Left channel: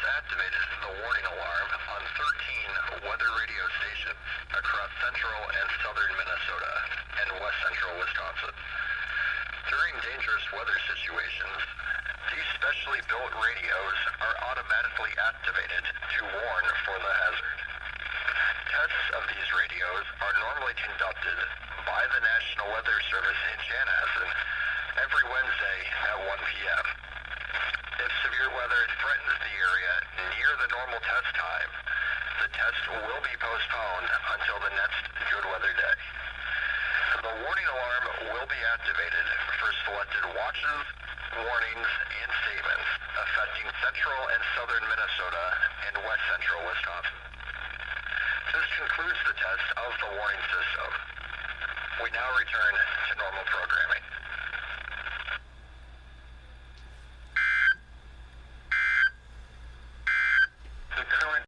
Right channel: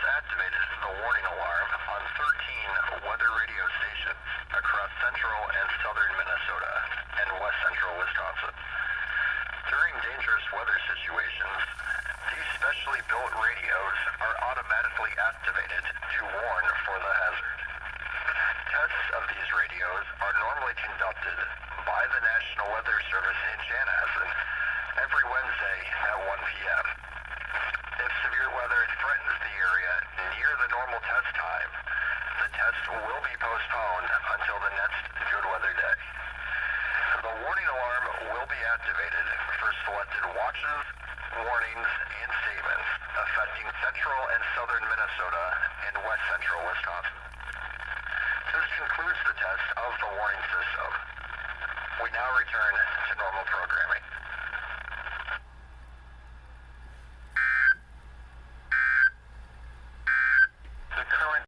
has activated the warning alarm on 13 weather radio stations across central and southern Minnesota and west central Wisconsin. During dangerous weather situations, these specially built radios are automatically activated to warn for the hazard. Tests of these radios are normally conducted by the National Weather Service in Chanhassen every Wednesday at 1 p.m. If severe weather threatens the area near the normal test time, the test will be postponed until the next good weather day. The warning alarm will be activated for selected watches, warnings, and statements affecting central and southern Minnesota and west central Wisconsin. This concludes the test of the warning system. We now return to normal programming.